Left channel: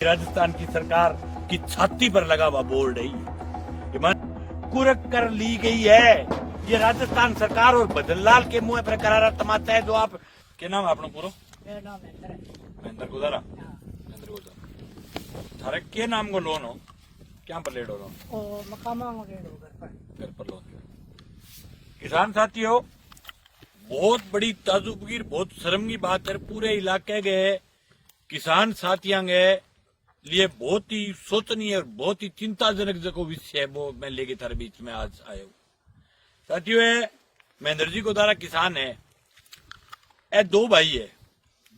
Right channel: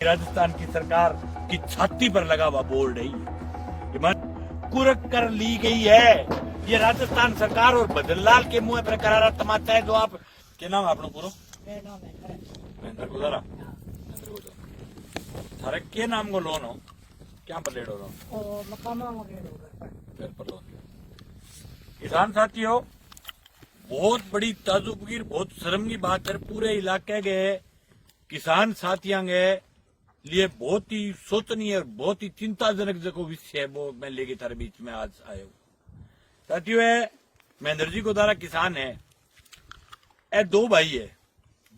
राजस्थान की सरकार की छाती पर लगा हुआ बोर्ड है ये कुरक कर ली गई है। ये राजस्थान सरकार और बदनलाल के मुंह पर करारा तमाचा है। जो आप क्या नाम है आपने पूरा महेंद्र गुजारा थारे के नाम को लोन हो क्या पर लेट हो लोन किसान साथियों, बहुत बड़ी ताजुबगीर बहुत शर्म की बात है। पूरे इलाके के किसान साथियों के लिए बहुत ही सोचनीय और बहुत ही चिंताजनक जो विषय है वो मैं लेके थारे बीच में आज आया हूँ। साथियों, महेंद्र जी को द्वारा किसान है, दो भाई है,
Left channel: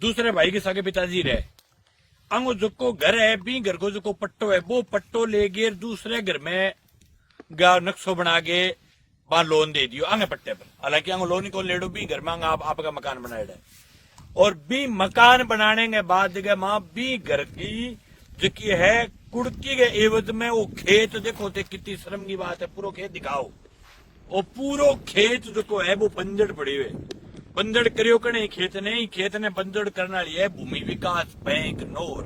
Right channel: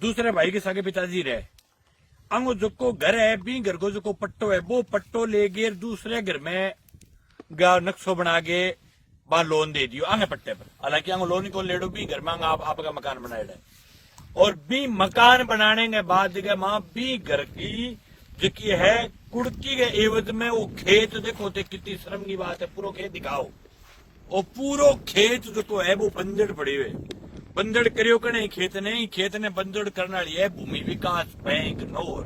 दूसरे भाई के सगे पिताजी रहे अंगो जो को घर है बी घर को जो को पट्टो है वो पट्टो ले गए दूसरे घर में नक्शो बना के वहां लोन दे दियो आगे पट्टे पर। हालांकि अंगो लोन को लेडो भी घर में आपका मकान बनाए और बी मकान बनाने के बाद मां बी घर की जिकी है कुड़की के एवज में वो खेत देखो ते कितनी शर्म की बात है। पूरा खेत दिखाओ और पूरो खेत जो है वो बंजड़ पड़े हुए बंजड़ करियो कने खेत ने बंजड़ करना लिया है भूमि विकास बैंक नोर।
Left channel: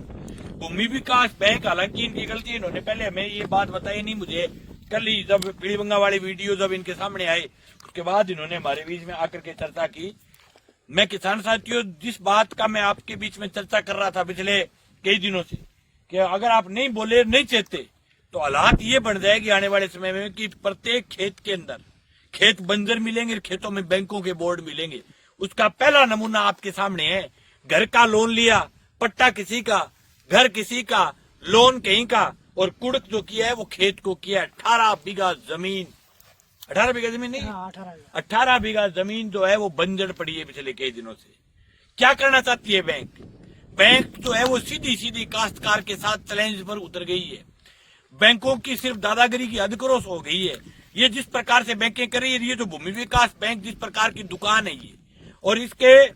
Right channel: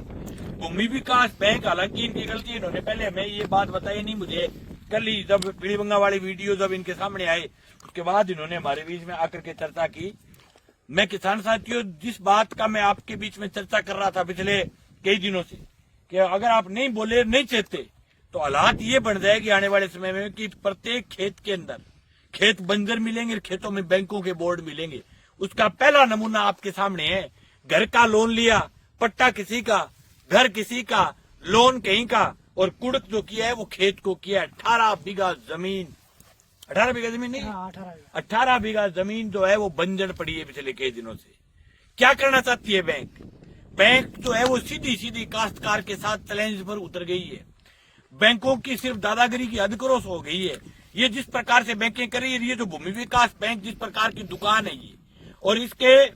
भूमि विकास बैंक हालांकि इनकी गलती इन्होंने पहले हमें ये बात बताई नहीं। मुझे कल ही जब पीड़ीबंगा वाली वीडियो जब इनके सामने आई उसके बाद इन्होंने हमारे बीच में आकर के चर्चा की। मैं किसान साथियों जिस बात का मैं आपके बीच में चर्चा कर रहा था पिछले कई दिनों से कि अगर आप नहीं बोले नहीं चाहते तो हालात ये बन जाएगी आने वाले समय में कि प्रत्येक खेत के अंदर खेत बंजर मिलेंगे, खेतों में बैंकों के बोर्ड मिलेंगे। उसका पहला नमूना आपके सामने है। घर का लोन लिया, पट्टा किसी का, घर किसी का, लोन कहीं का और कुड़क जो किया है वो खेत को किया। 18 बीघा जमीन 18 बीघा जमीन नहीं 18 बीघा जमीन जो है वो बंजर पड़ी है पिछले कई दिनों से। क्या करना चाहती है बैंक जो है वो सीधी काश्तकार के साथ चैलेंज पर उतर गई है। बैंकों की सिर्फ दादागिरी की अधिक्रोश हो गई है। ये जिस प्रकार से बैंकें कर रही है, ये जो भूमि विकास बैंक जिस प्रकार की दुकान है ये, और इसके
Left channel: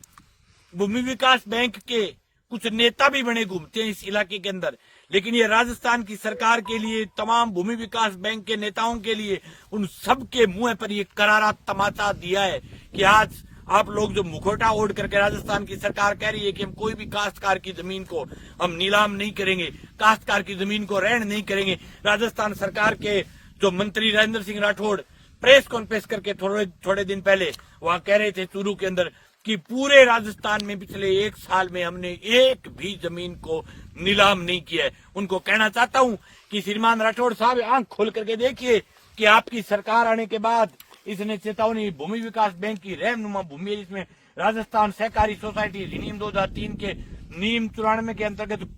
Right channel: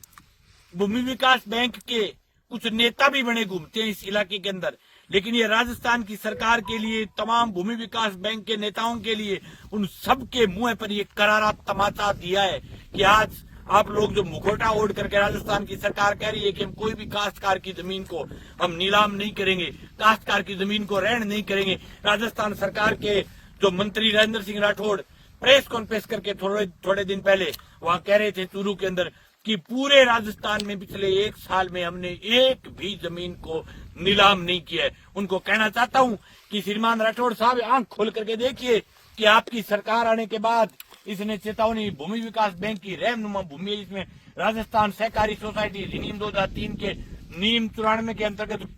भूमि विकास बैंक के कुछ नेता भी बने घूमते हैं इस इलाके के अंदर। लेकिन ये राजस्थान की सरकार के लिए, तमाम भूमि विकास बैंक के नेताओं के लिए, उन सब के मुंह पर ये करारा तमाचा दिया है कि आज आप लोग जो मुखौटा ओढ़ करके राजस्थान की सरकार कह रही है कि हम कोई भी काश्तकार की जमीन को हम नीलाम नहीं करेंगे, काश्तकार की जमीन को रहन नहीं करेंगे। राजस्थान सरकार के जो मंत्री राजेंद्र सिंह राठौड़ प्रेस कॉन्फ्रेंस करके थोड़े दिन पहले वहां कह रहे थे चूरू के अंदर कि पूरे राजस्थान में पिछले एक साल में हमने एक भी जमीन को नीलाम नहीं किया है। उनको कहना चाहता हूं कि श्रीमान राठौड़ साहब आंख खोल करके देखिए कि आपकी सरकार आने के बाद इसने चेतावनी भूमि विकास बैंक की रहनुमा भूमि जिसमें राजस्थान सहकारी सोसाइटी अधिनियम 2003 के नियम 94 के अंतर्गत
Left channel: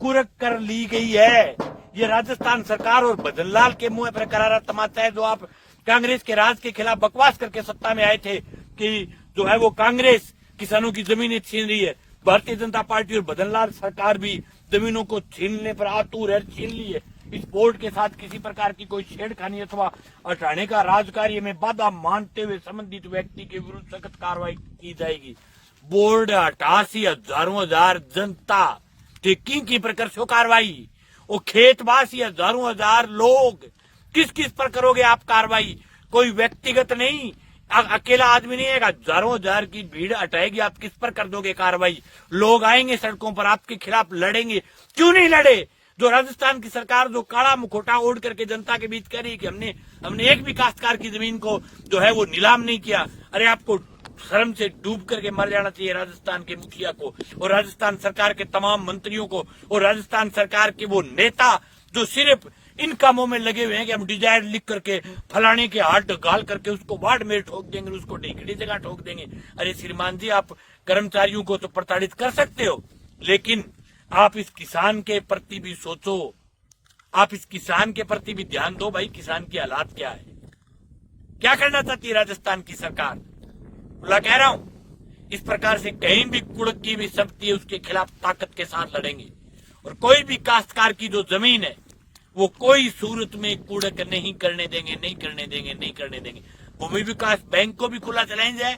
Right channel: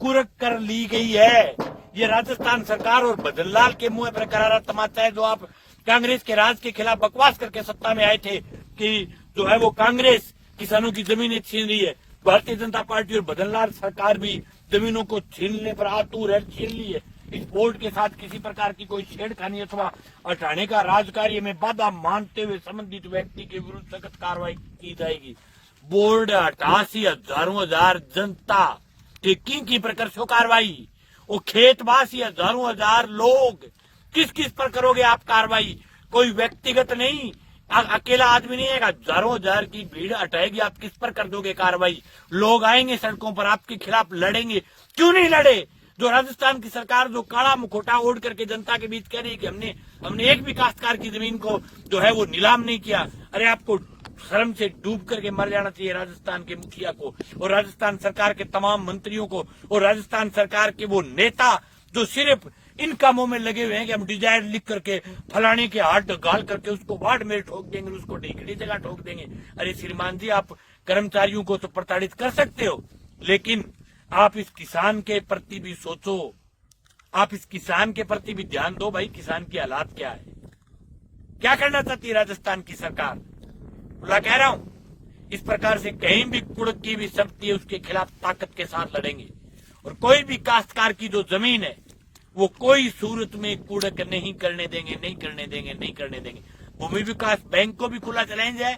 कुरक कर ली गई है। ये राजस्थान सरकार और बदनलाल के मुंह पर करारा तमाचा है। जो आप कांग्रेस के राज के खिलाफ बकवास करके सत्ता में आए थे कि जो है वो कांग्रेस किसानों की जमीनें छीन रही है, भारतीय जनता पार्टी और बदनलाल सरकार भी जमीनों को छीनने पर आतुर है, छीन ली है। इस बोर्ड के साथ किसी प्रकार की कोई छेड़खानी अथवा हटाने का राजकार्य में बाधा मानते हुए संबंधित व्यक्ति के विरुद्ध सख्त कार्रवाई की जाएगी। बोर्ड हटासी हजारों हजार जनता की प्रकार से कार्रवाई, वो खेतवासी हजारों हजार लोग किस पर करोगे आप कार्रवाई? कोई व्यक्तिगत नहीं, अकेला आदमी नहीं है, हजारों हजार की भीड़ हटाएगी, आप किस पर कर दोगे कार्रवाई? लोग आएंगे सड़कों पर आपके खिलाफ लड़ेंगे। क्यों नहीं लड़े? जो राजस्थान की सरकार जो काला मुखौटा ओढ़ करके जनता के बीच कह रही है कि हमने एक भी काश्तकार की जमीन को जो है वो नीलाम नहीं किया। अरे आपको शर्म से डूब करके मर जाना चाहिए राजस्थान के मुखिया को और राजस्थान सरकार के तमाम मंत्रियों को और राजस्थान सरकार के वो नेता जो सिर्फ इन कामों में लगे हुए हैं कि हम डिजायर लिख करके फलाने के हाथ गाल करके उसको वार्ड में ठोक देंगे, उसको ढीकड़ी जगह ठोक देंगे। अरे श्रीमान जी, आप कर्मचारियों को तो प्रताड़ित कर सकते हो, लेकिन आप इस किसान के प्रति भी सोचो, आप इस किसान के प्रति भी ध्यान दो। भाई किसान की हालात क्या है, क्या करना चाहती है राजस्थान की सरकार? बोला कह रहा हूं, इस प्रकार से कहीं भी कुड़क की भी शक्ति है उसके खिलाफ ताकत के साथ लड़ेंगे और कोई भी काश्तकार की जो जमीन है वो कोई सूरत में कुड़क नहीं करने देंगे। भूमि विकास बैंक को भी खुला चैलेंज है,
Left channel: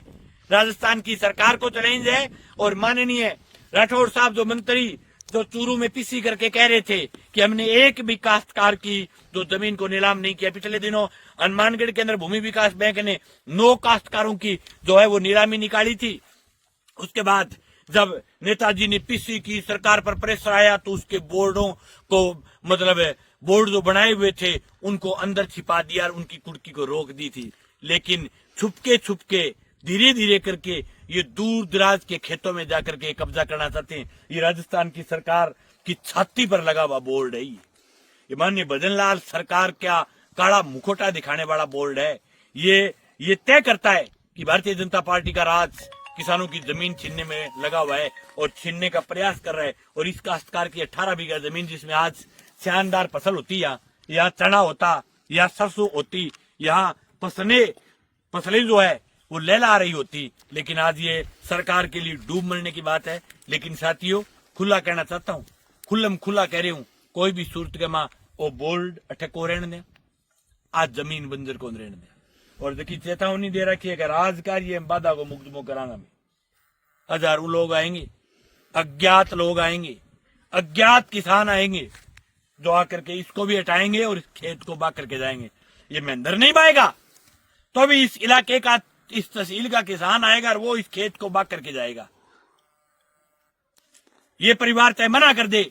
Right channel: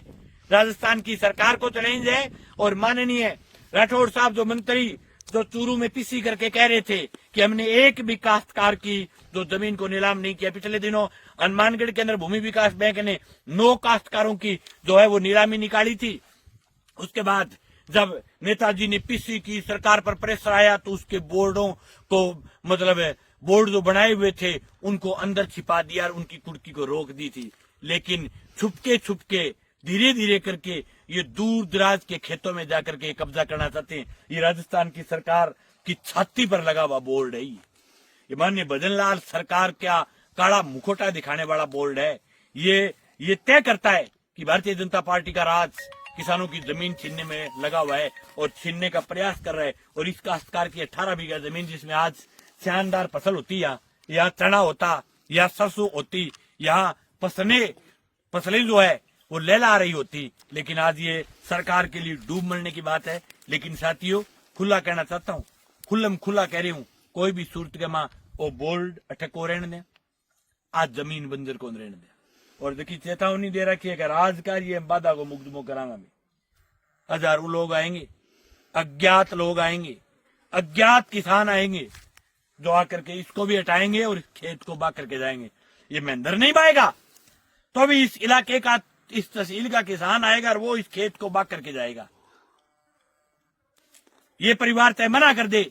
राजस्थान की सरकार को चैलेंज है और माननीय राठौड़ साहब जो मंत्री जो चूरू में पीसी करके कह रहे थे कि हमने एक भी काश्तकार की जो जमीन को नीलाम नहीं किया। पिछले दिनों हनुमानगढ़ के अंदर भूमि विकास बैंक ने 9 काश्तकारों की जो है वो नीलामी निकाली थी। उसके बाद जब नेताजी ने पीसी की सरकार पर प्रेशर आया तो उसके बोर्डों को मतलब बोर्ड जो बनाए हुए थे उनको अंदर छिपा दिया और उनकी कुर्की को रोक दी थी। लेकिन छुपके धीरे धीरे करके ये दूर दराज के खेतों में जाकर के कब्जा करना चाहते हैं। ये राजस्थान की सरकार की छाती पर लगा हुआ बोर्ड है। ये माननीय भजन लाल सरकार का काला मुखोटा दिखाने वाला बोर्ड है। ये तय करता है कि भारतीय जनता पार्टी का राज किसानों की जमीन छीनने में लगा हुआ है और छीनने का प्रयास कर रहा है। और इस काश्तकार की 18 बीघा जमीन जिसमें आज शानदार फसल होती, यहाँ चना होता, यहाँ सरसों होती, यहाँ फसलें जो है वो लहला रही होती, लेकिन आज ये सरकार के लिए डूब मरने की बात है। लेकिन साथियों, खुला कहना चाहता हूँ, खुल्लम खुला कह रही हूँ, कोई भी सूरत के माँ वो बोल्ड अटक को रहने दे, आज जमीन बंजर को रहने दे। और देखिए चेतावनी दे रखी है कि राजकार ये बाधा को मुकदमो करांगा में। हजारों लोग आएंगे, अज्ञात लोग आएंगे, अज्ञात किसान आएंगे जो आकर के इसको भी हटाएंगे और इस खेत को बा करके जाएंगे। ये महेंद्र नहीं पाएगा तो भी इस इलाके का, इस तहसील का किसान आएगा और वो इस खेत को बा करके जाएगा। ये परिवार चाहे मना कर दे,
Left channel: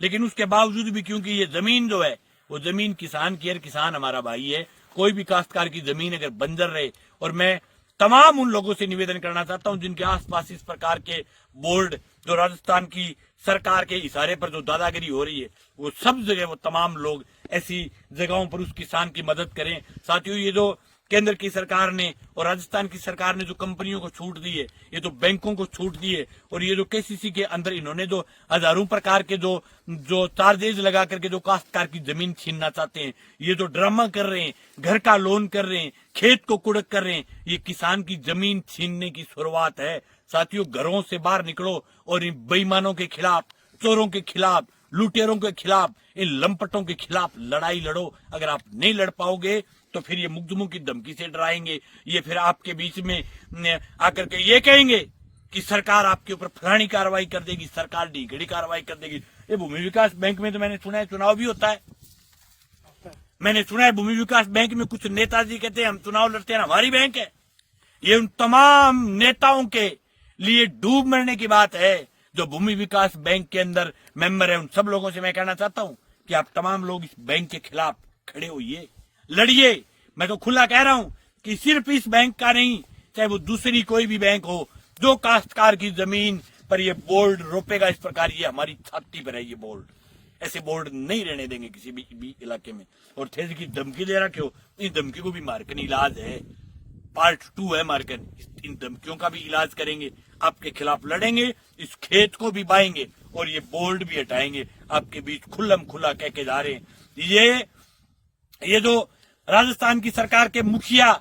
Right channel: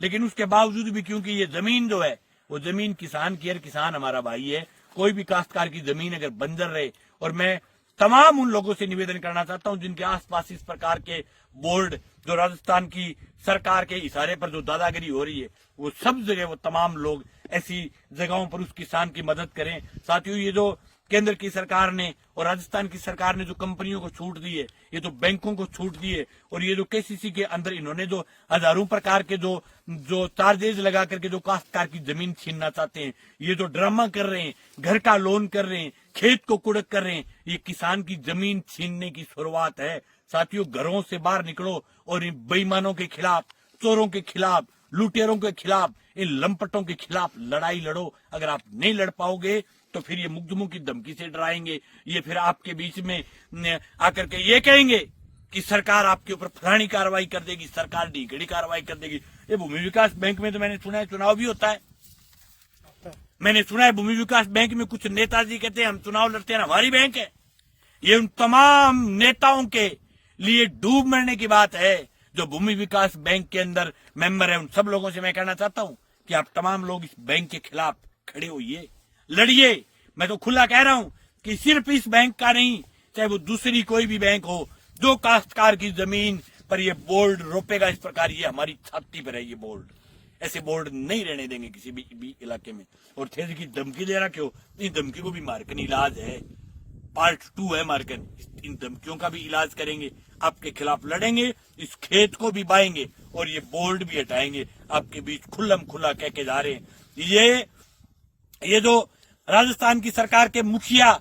लेकिन उसके बावजूद भी, क्योंकि ये जमीन जो है वो जमीन किसान की है, किसान हमारा भाई है। कोई भी काश्तकार की जमीन अगर बंजर रहे, और मैं तमाम उन लोगों से निवेदन करना चाहता हूं जिनके आसपास इस प्रकार के बोर्ड जो राजस्थान की सरकार के इशारे पर जो दादागिरी हो रही है, वो सब जगह वो तमाम लोग ऐसी जगहों पर उस किसान की मदद करें। साथियों, ये जो केंद्र की सरकार ने और राजस्थान की सरकार ने जो कंपनियों को छूट दी है, ये तो बैंकों को छूट दी है, और ये जो केसीसी के अंदर इन्होंने जो हजारों प्रकार के जो चार्जेज लगा करके जो काश्तकार की जमीन छीनना चाहते हैं, ये जो ड्रामा कर रहे हैं, घर का लोन कर रहे हैं, खेत को कुड़क कर रहे हैं, ये किसान की जमीन छीनने की शुरुआत है। साथियों, घरों से बाहर निकलो और इन बेईमानों के खिलाफ, चोरों के खिलाफ, लुटेरों के खिलाफ, इन लंपटों के खिलाफ लड़ाई लड़ो। अगर आप नहीं लड़ पाओगे तो फिर ये मुकदमों की धमकी से डराएंगे, ये फिर आपके बीच में आकर के ये कहेंगे कि सरकार आपके ऊपर फलानी कार्रवाई कर देगी, सरकार ढीकड़ी कार्रवाई कर देगी। ये भूमि विकास बैंक में तो मैंने सुना है चुनाव भी होता है। मैंने सुना है भूमि विकास बैंक में कुछ नेताजी कहते हैं हम चुनाव लड़ते हैं, हमारी बैंक है। ये उन तमाम नेताओं के लिए डूब मरने की बात है जो भूमि विकास बैंक के अंदर मेंबर है। उन सब लोगों से मैं कहना चाहता हूं कि आप तमाम लोग इस बैंक के खिलाफ खड़े होइए, लड़िए। मैं तो खुला कह रहा हूं कि सिर्फ इस बैंक का नहीं, चाहे वो दूसरी कोई भी बैंक हो, जो काश्तकार की जमीन पर ये बोर्ड रोपेगा इस प्रकार, ये हमारी छाती पर है। ये बोर्ड, ऐसे बोर्ड नहीं रहने देंगे किसी भी इलाके में। और थे की धमकी दे रखे हो, इस धमकी को भी मारकन इलाज है, पार्ट 2 है मारकन। इन धमकियों का भी इलाज करेंगे, आपके खिलाफ लड़ेंगे, इस खेत को भी बाएंगे और ये बोर्ड भी हटाएंगे। आपके बीच खुल्लम खुला कह के जा रहे हैं। ये जो राजस्थान की सरकार के मुखिया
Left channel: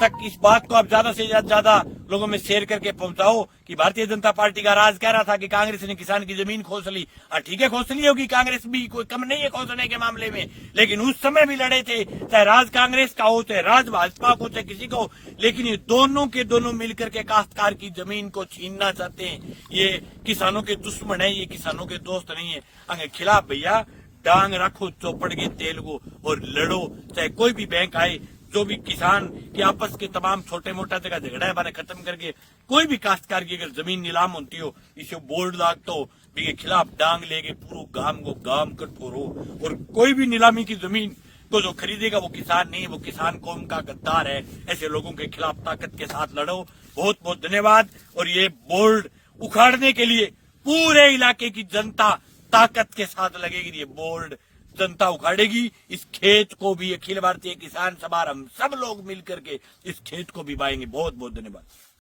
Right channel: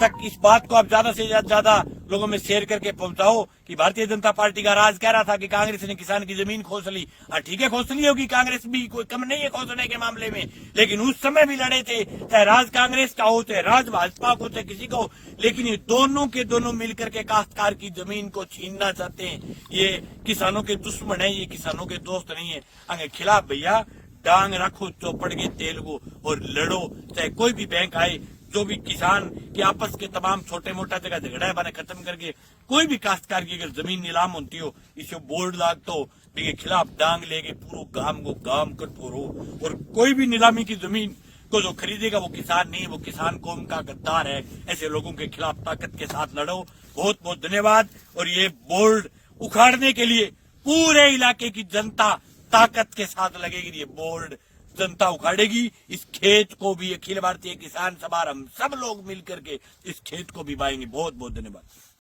तक इस बात को आप ज्यादा से ज्यादा लोगों में शेयर करके पहुंचाओ कि भारतीय जनता पार्टी का राज कह रहा था कि कांग्रेस ने किसान की जमीन खोस ली। ठीक है, खोसनी होगी, कांग्रेस भी कोई कम नहीं है खोसने के मामले में, लेकिन उस समय भी लड़े थे, चाहे राज कांग्रेस का हो, चाहे राज भाजपा को, चाहे किसी का हो, लेकिन ये दोनों के दोनों मिलकर के काश्तकार की जमीन को छीनना चाहते हैं। ये किसानों के दुश्मन है, ये किसानों के दोस्त नहीं है। अगर खिलाफ भैया डांग रखो चौपड़ के तेल को और लड़ो, चाहे कोई भी बैंक आए, जो भी किसान के आपस के तमाम छोटे मोटा जगह झगड़ा है बारे खत्म करके कोई भी काश्तकार की अगर जमीन नीलाम होती हो, इसे बोर्ड लागता हो, इनके खिलाफ डांग लेके पूरे गांव को गांव कर फोड़ो। और कोई भी नीलामी की जमीन तो जो खरीदेगा वो किसान नहीं है, वो किसान कौम का गद्दार है। ऐसे लोगों के खिलाफ ताकत के साथ लड़ो। बहुत बहुत धन्यवाद। और ये बोर्ड उखाड़ने के लिए पूरे इलाके की जनता ताकत के साथ लगेगी। ये बोर्ड जनता उखाड़ेगी, इस खेत को भी अखिल भारतीय किसान सभा हम सब लोग मिलकर के इस खेत को भी बाएंगे। बहुत बहुत धन्यवाद।